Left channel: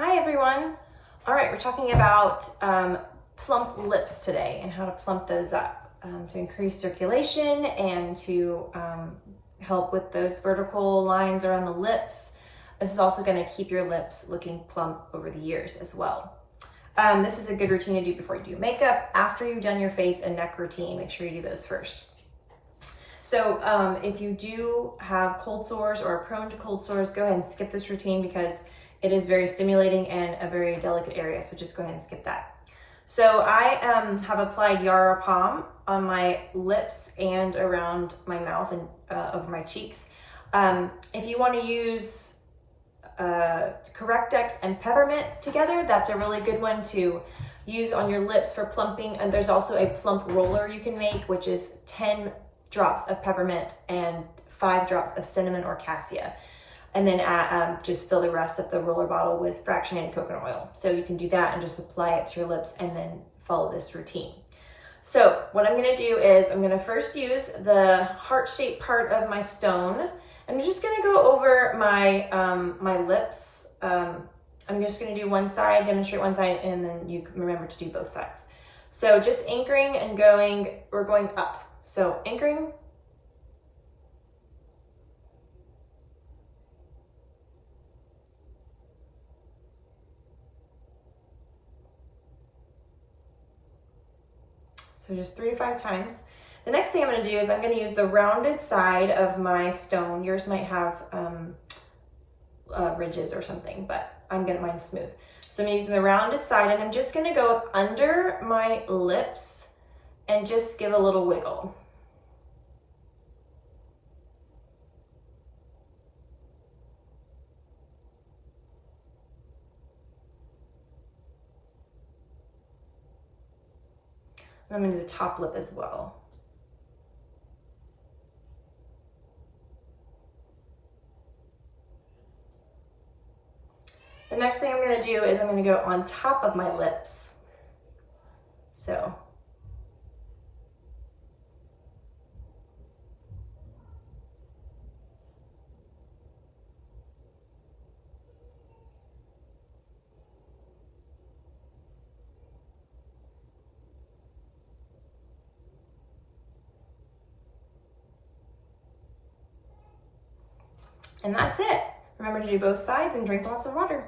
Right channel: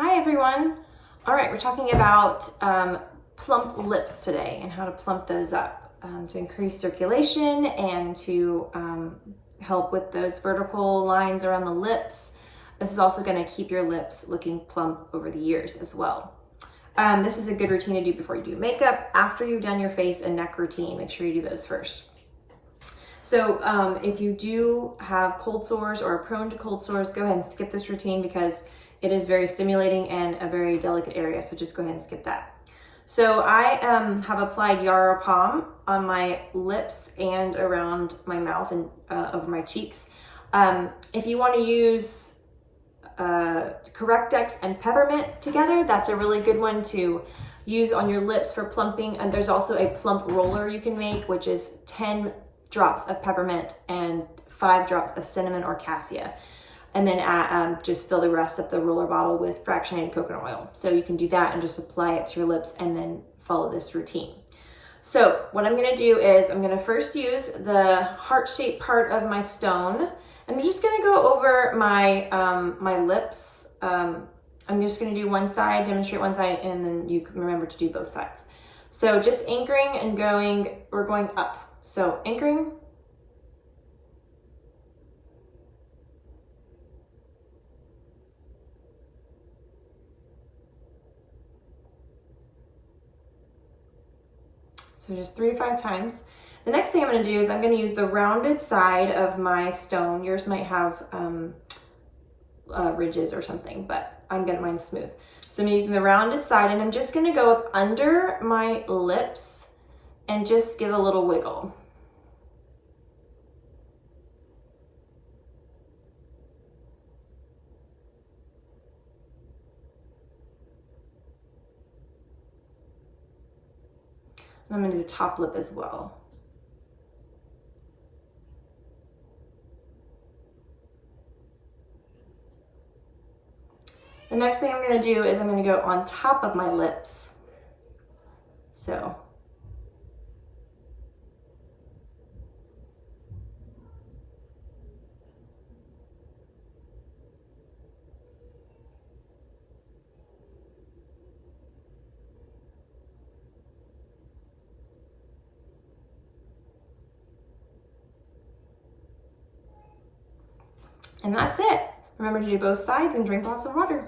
Hi everyone. All right, we're talking about plump lips today and how to plump those up to increase circulation and to help with those vertical lines around the lips. This is also going to keep your lips looking plump over the years as well. This is a good routine to do before you do makeup, after you've done your face and neck routine. Make sure you do those first. So if you do have cold sores or are prone to cold sores, go ahead and skip this routine because it is very stimulating and a very delicate area. So just go ahead and skip that. So I have applied Yara Palm on my lips and around my mouth and over my cheeks. If you want to use Correctex and peppermint together, that's a really good one to use on your lips for plumping. And there's also a plump roller you can make, which is 10 drops of peppermint and 5 drops of cinnamon or cassia. And then just fill the rest of the roller bottle with fractionated coconut oil. So you can do that and just apply it to your lips and then follow this routine. So what I'm gonna do is I'm gonna first use the heart-shaped part of my stone. I'm just gonna go over my, my lips. I'm just gonna do one side, demonstrate one side, and then you can remember to do both sides. So just anchoring and going, we're going up. So anchoring, so just 3 to 5 times. The next thing I'm gonna do is I'm gonna use the rounded side of my stone. Yours might have ridges or something, but I'm getting mine smooth. So I'm using the rounded side and I'm just gonna go up under my lips and just give a little wiggle. And I'm gonna do the top lip as well. The next thing I'm gonna do is I'm gonna go on top of my lips. So. And that's it. Remember to do both sides and drink lots of water.